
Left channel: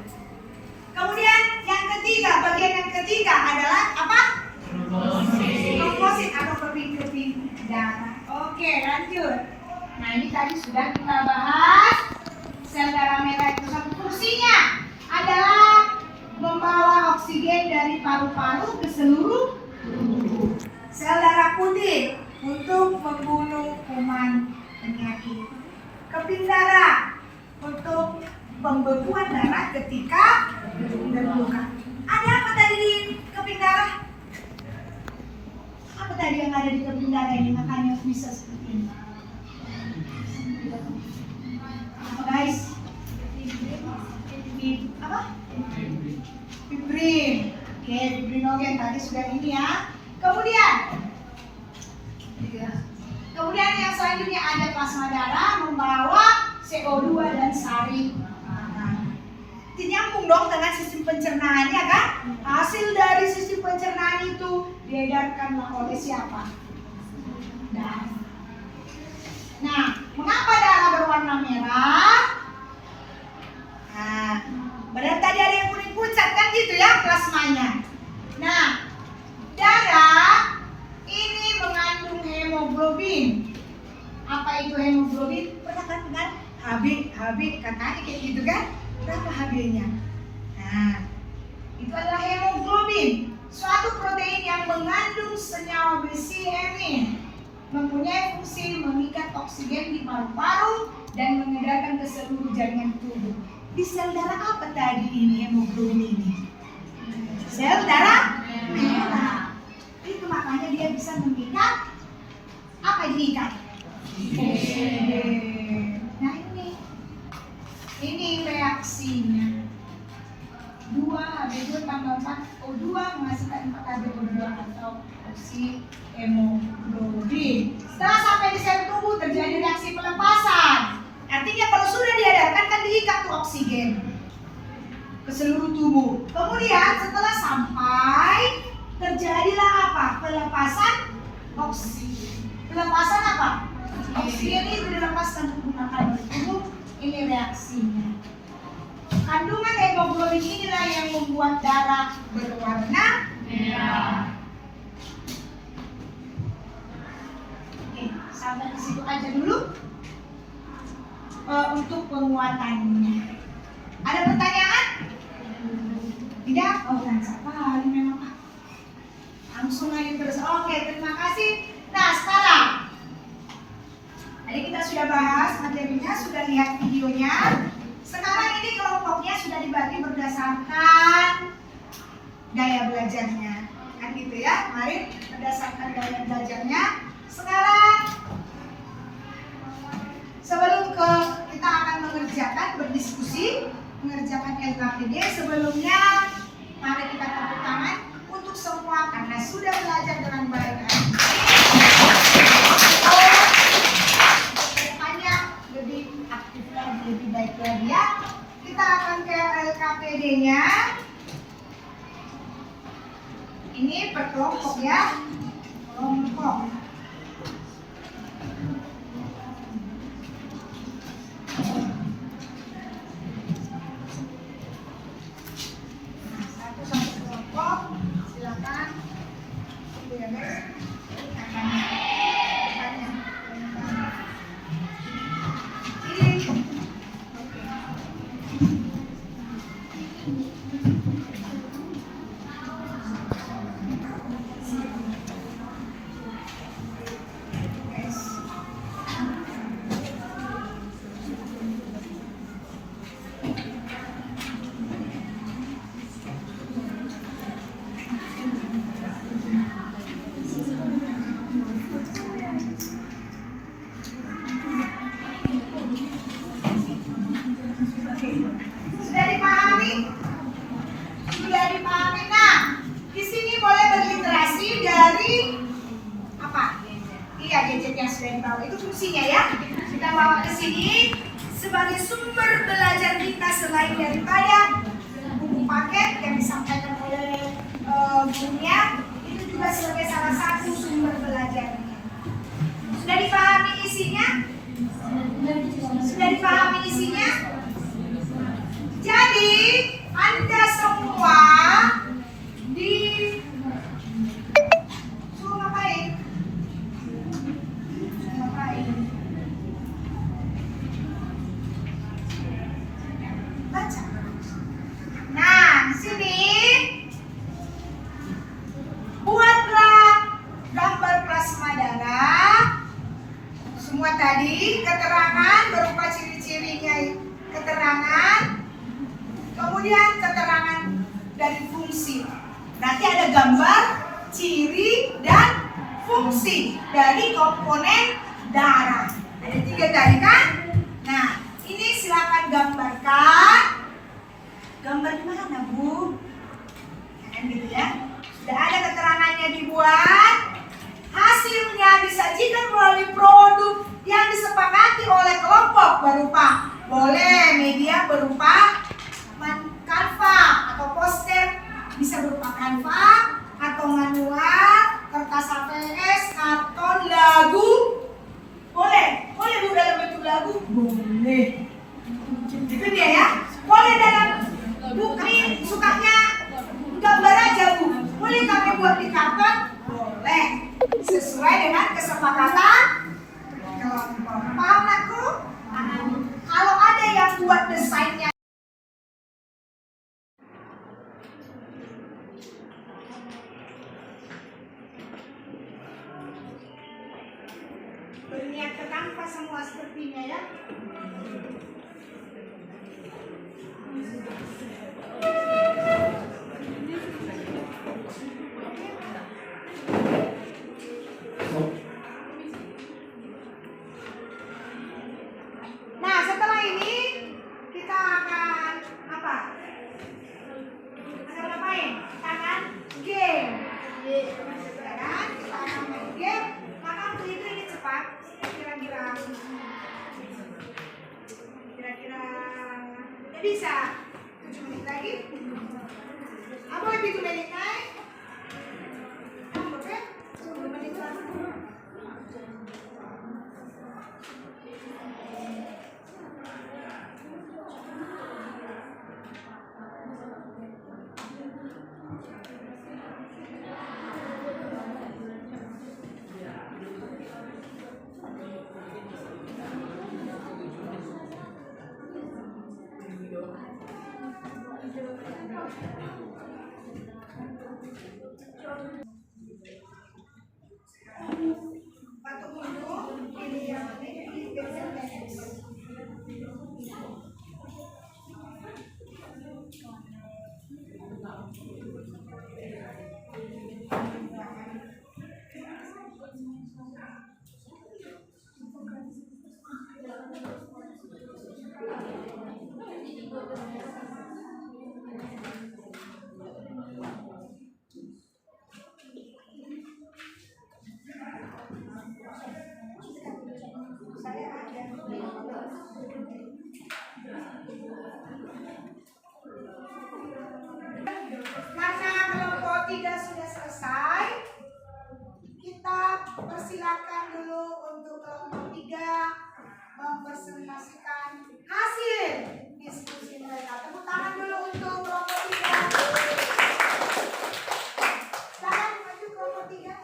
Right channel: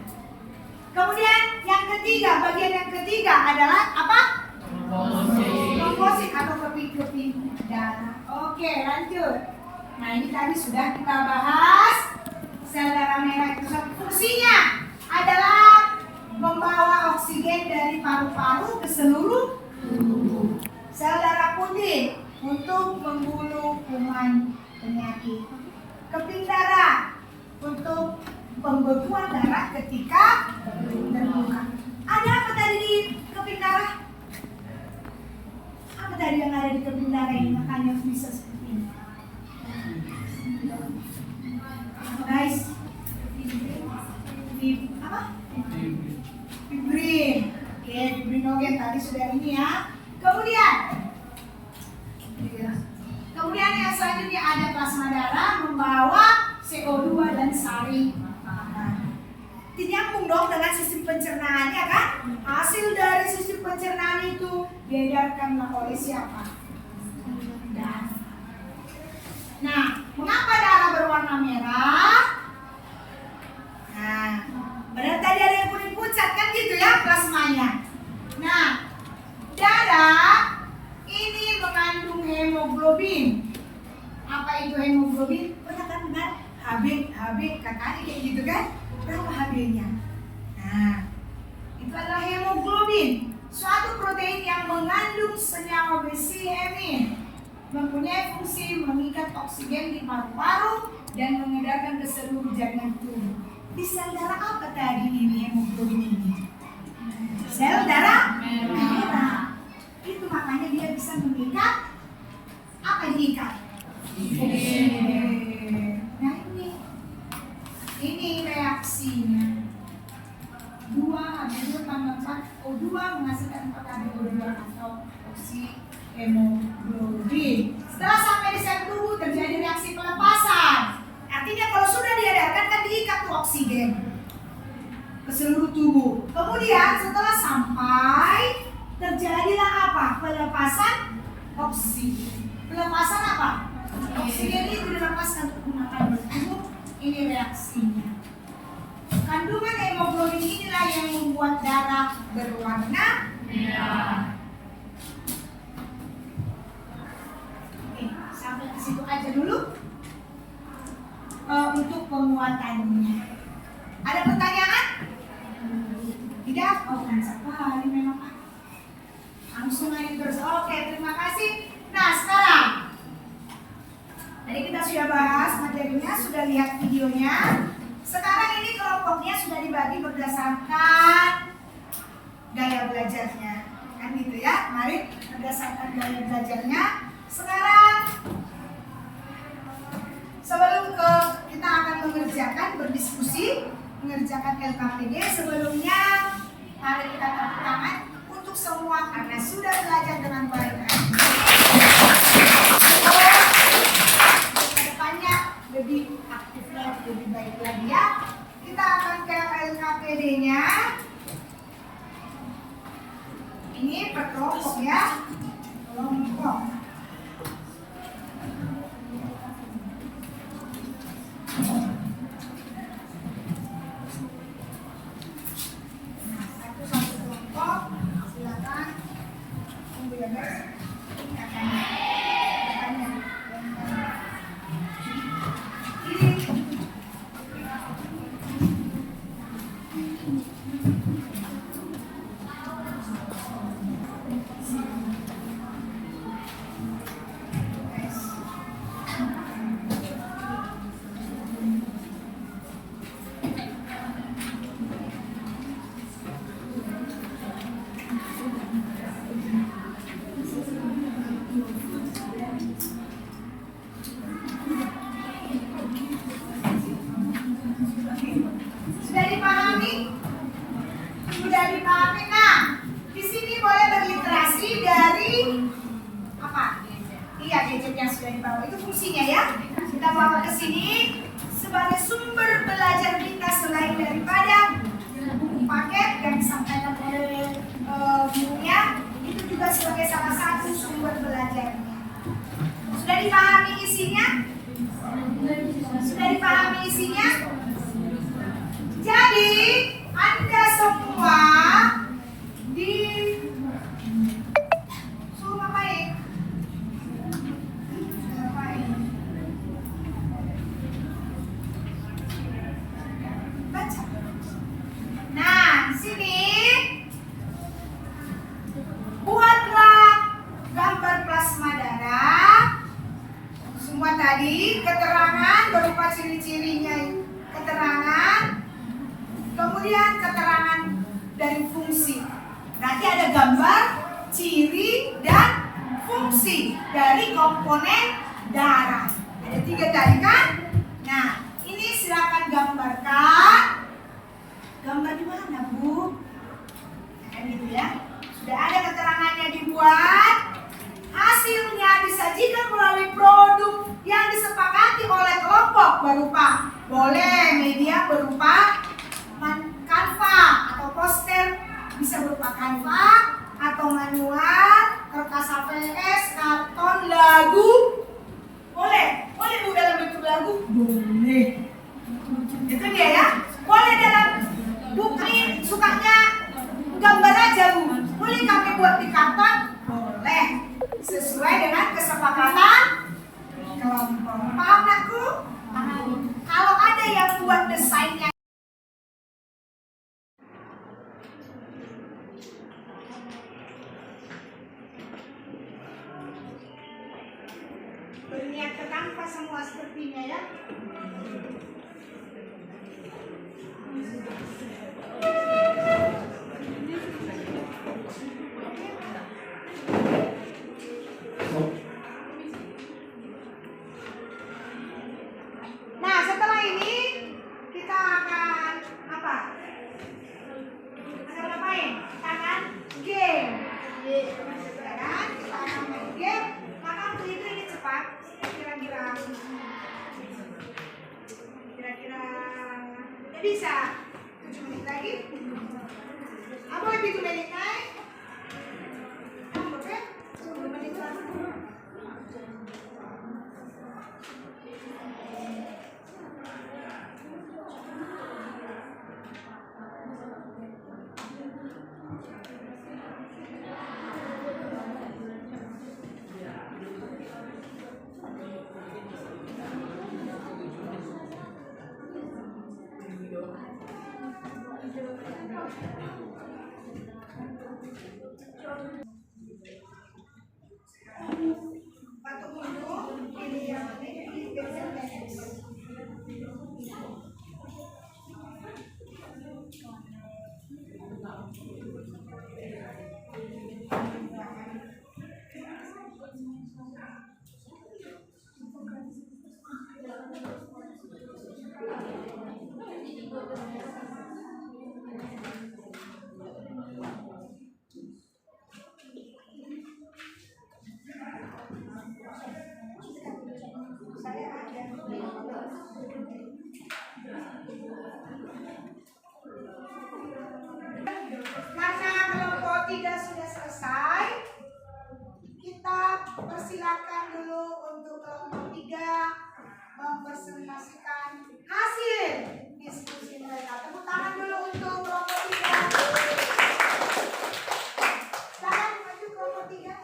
Kemudian yang ketiga, bagian yang ketiga adalah apa? Trombosit atau keping-keping darah. Oke, lanjut. Nah, ini tadi sudah kita bahas. Sel darah merah itu fungsinya adalah membawa oksigen dari paru-paru ke seluruh tubuh. Sel darah putih untuk membunuh kuman penyakit. Keping darah untuk pembekuan darah ketika terluka. Ada apa tadi di keping darah? Apa tadi yang ada di keping darah ini makanya bisa seperti ini? Apa guys? Apa? Fibrin. Oke, fibrinogen tadi sudah ini ya. Kemudian yang selanjutnya ada plasma darah membawa CO2 dan sari makanan. Nyambung dong dengan sistem pencernaannya kan? Hasil dari sistem pencernaan itu diedarkanlah oleh siapa? Darah. Nah, mengapa darah berwarna merah? Nah, benar tadi ada yang kuning pucat kan gitu ya plasmanya. Nah, darah ini mengandung hemoglobin. Apa itu hemoglobin? Pernah kan dengar? Hb katanya kayak gitu kan? Berapa Hb-nya? Nah, itu adalah hemoglobin, suatu protein yang mengandung senyawa besi hemin, mempunyai fungsi mengikat oksigen di paru-paru dan mengedarkan ke seluruh jaringan tubuh. Di sel darah apa tadi ini hemoglobin ini? Sel darah merah. Itu makanya dia bisa mengikat apa yang diikat? Nah ini reaksinya. 2H2 tambah 4O2 menghasilkan 4H2O2 atau oksi hemoglobin. Setelah sampai di sel tubuh terjadi seluruh tubuh. Kemudian setelah sampai terjadilah apa? Pelepasan oksigen. Pelepasan apa? Oksigen ini dilepaskan menggunakan tubuh. Ini reaksinya. Kandungan hemoglobin inilah yang membuat darah berwarna merah. Oke, sampai ke situ aja dulu untuk penguatannya. Ada pertanyaan? Tidak? Oh, kan sekali memang Pak. Langsung aja terus. Oke, terima kasih. Nah, sekarang tadi kita sudah bahas materinya, sudah lihat videonya. Sekarang ini kelompoknya sudah dibagi berdasarkan gaya belajarnya. Kan gitu ya, mari berdasarkan gaya belajarnya. Sekarang sebelum kita akan mengerjakan, berdiskusi, mengerjakan LKPD, sebelumnya mari kita tepuk tangan untuk semua karena sudah belajar dengan baik. Kedepannya lebih aktif lagi, lebih baik lagi ya. Kita akan ke LKPD-nya. Ini per kelompok ya, kelompok. Satu kelompok, silakan. Tunggu ya guys. Sudah dipahami? Sudah dipahami. Nah, di sini boleh berliterasi dari apa? Iya, gadget yang sudah dibawa itu fungsinya ya. Kita bawa ke sini sebagai sumber belajar kita selain daripada buku paket yang disampaikan oleh gurunya, itu juga sebagai salah satu sumber belajarnya. Sudah dipahami isinya? Sudah dipahami isinya? Jadi, Anda semua di suruh ngapain? Baca. Nah, di sini buatlah gambar plasma darah. Semua tadi keterangan berupa ciri-cirinya, keterangan. Kemudian keterangan dari fungsi. Nanti ada gambar, ciri, dan fungsi dari komponen darah. Ada 3 tadi kan? Nah, ini silakan gambarkan. Gambar di mana, Bu? Kan gitu ya. Sudah ada keterangannya dibuat. Hasilnya disajikan melalui produk yang disepakati oleh kelompok berupa boleh media berupa kanva atau poster, bisa berupa kanva atau manual, kertas HVS, karton, lagu. Boleh Bu dalam bentuk lagu? Boleh. Itu dia ya. Boleh dalam buku, sukanya gambar aja Bu. Boleh kami buat di karton? Boleh. Sesuai dengan kesepakatan kelompok. Paham aku? Kalau ada yang buat desainnya berniat ke kanvas semua sepertinya ya. Nah, setelah ini kita akan apa? Akan ngapain? Kita akan game. Ya kan? Kita akan main game. Maka untuk itu ini cepat. Kira-kira ya bisa 7 menit lagi. lagi. Apa lebih banyak naik? Oke, 10 menit lagi. Batuk dulu, ini yang ini pensil tenis. Saya ada. Karena kelompok 3 sudah selesai, kita persilakan dulu untuk kelompok 3 mempresentasikan hasil diskusi mereka. Tepuk tangan dulu untuk kelompok 3. Silakan maju kelompok 3.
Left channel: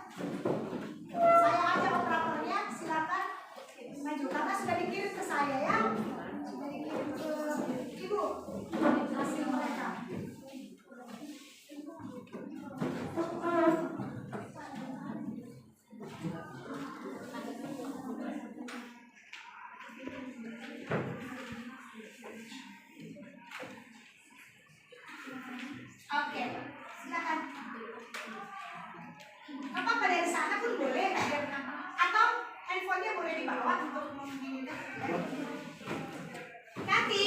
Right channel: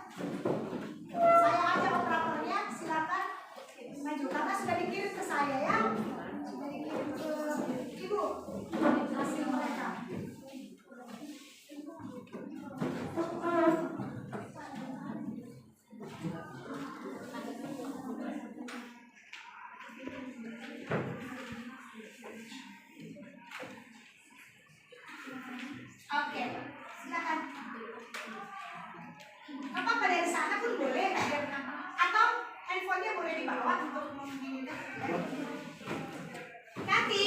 Saya aja operatornya, silakan maju karena sudah dikirim ke saya ya. Sudah dikirim ke Ibu hasil mereka. Oke, silakan. Apa dari sana pun boleh, atau handphonenya boleh dibawa untuk meminikan. Nanti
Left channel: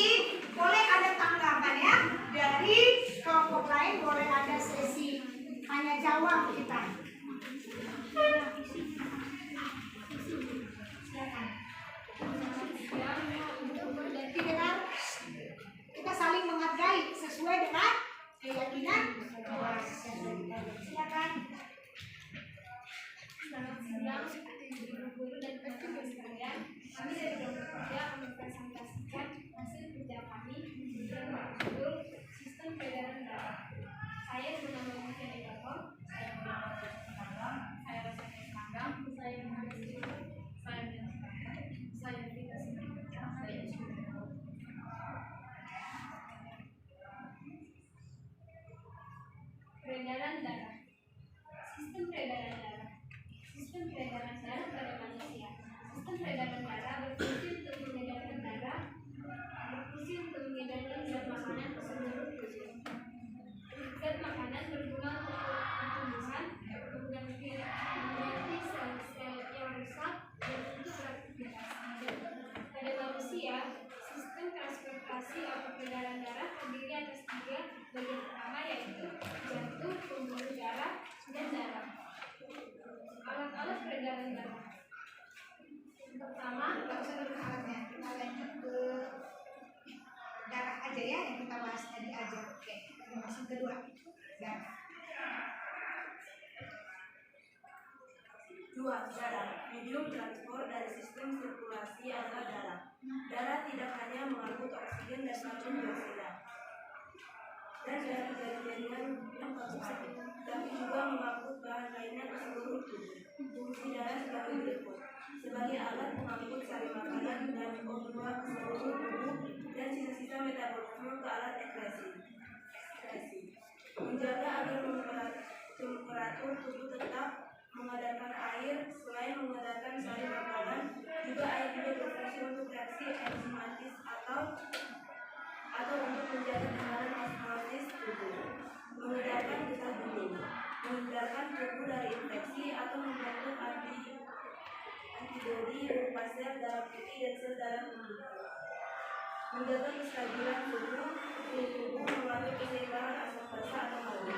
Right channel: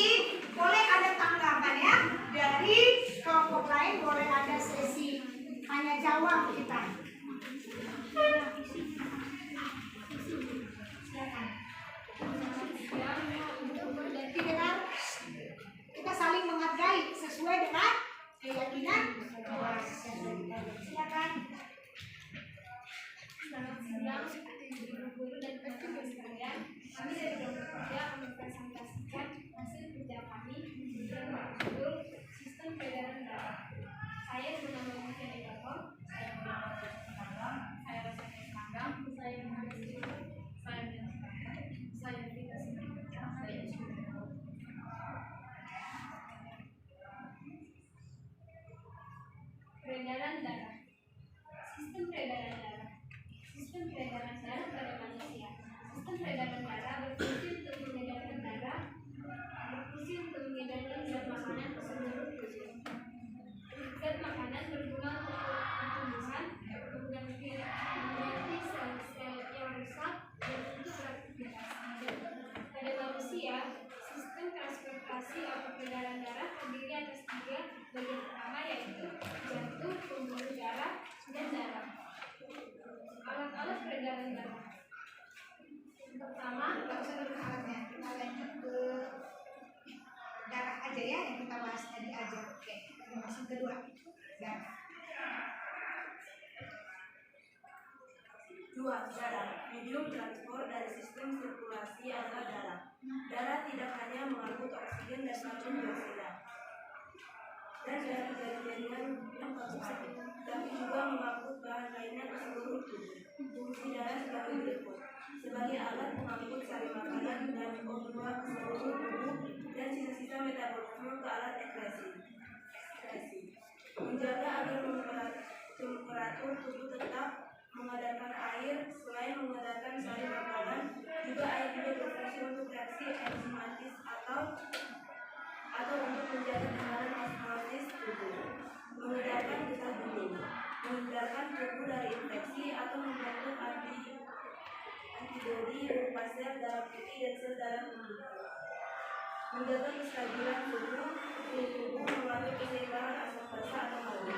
boleh ada tanggapan ya dari kelompok lain, boleh ada sesi tanya jawab kita. Silakan. Jadi dengan kita saling menghargai sesuai dengan keyakinan. Silakan. Selamat siang, guru-guru dan teman-teman sekalian. Kami dari kelompok 3 mempresentasikan hasil kerja kami yang berjudul Sistem Peredaran Darah. Saya bernama Mutia Ekatom, saya bernama Panggang, saya Rosanes Panggang, saya Muhammad Siswa, saya Minas Panggang, saya Vita Simanjuntak, saya Ismail. Peredaran darah. Sistem peredaran darah. Sistem peredaran darah pada manusia. Sistem peredaran darah berfungsi untuk mengedarkan darah, berfungsi untuk mengedarkan zat makanan ke seluruh tubuh. Zat makanan berguna untuk pertumbuhan, mengganti sel-sel yang rusak dan untuk beraktivitas. Pada manusia, sistem transportasi atau peredaran darah terdiri atas 3 bagian utama, yaitu jantung, pembuluh darah, dan darah. Alat-alat peredaran darah. Pertama, Alatnya kita lanjut ke darah aja ya, yang kita bahas tadi aja. Oke, kita masuk kedua. Darah. 2. Darah. Medium transport dari sistem sirkulasi adalah darah. Darah tidak hanya mengangkut oksigen dan karbon dioksida dan dari jaringan yang konsumsi, tapi juga mengangkut bahan lainnya ke seluruh tubuh. Fungsi darah sebagai berikut: sebagai alat pengangkut sari makanan dan O2 ke seluruh tubuh dan sisa-sisa metabolisme ke alat ekskresi. Menjaga agar temperatur tubuh tetap mengedarkan air. Selain mengedarkan sari makanan, juga air juga berfungsi untuk reaksi enzimatis atau untuk menjaga tekanan osmosis tubuh, mengedarkan getah bening, menghindarkan tubuh dari infeksi atau membentuk antibodi berupa sel darah putih dan sel darah pemutih, menjaga kestabilan tubuh melalui keseimbangan asam basa atau madu.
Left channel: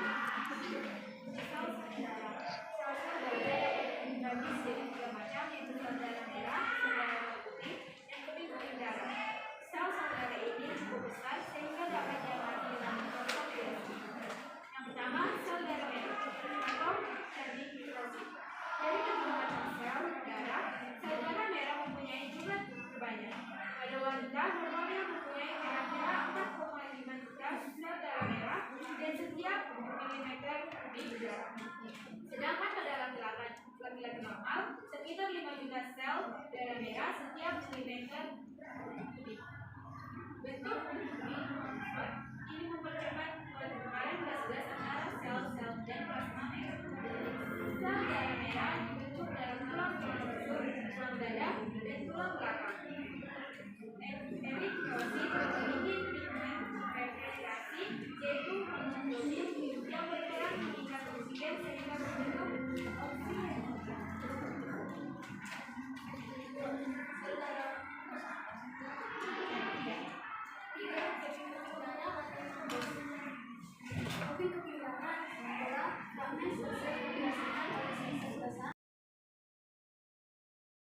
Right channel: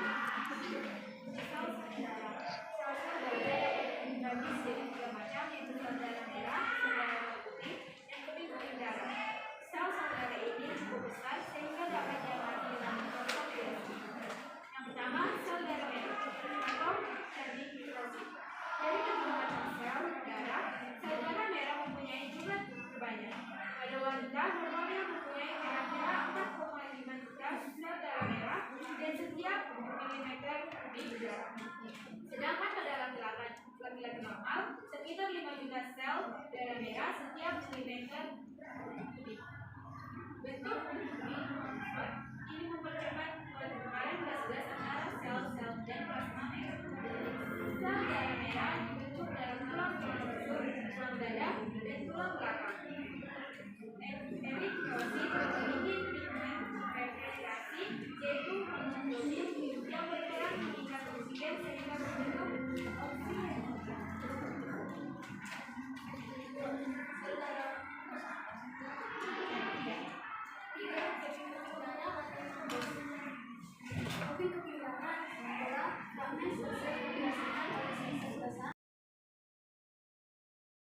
sel-sel darah dibagi menjadi 3 macam, yaitu sel darah merah, sel darah putih, dan kuning darah. Sel darah ini cukup besar sehingga dapat diamati dengan jumlah sel darah merah setiap milimeter kubik. Bentuk ini mempercepat pertukaran gas-gas antara sel-sel dan plasma merah. Sel darah merah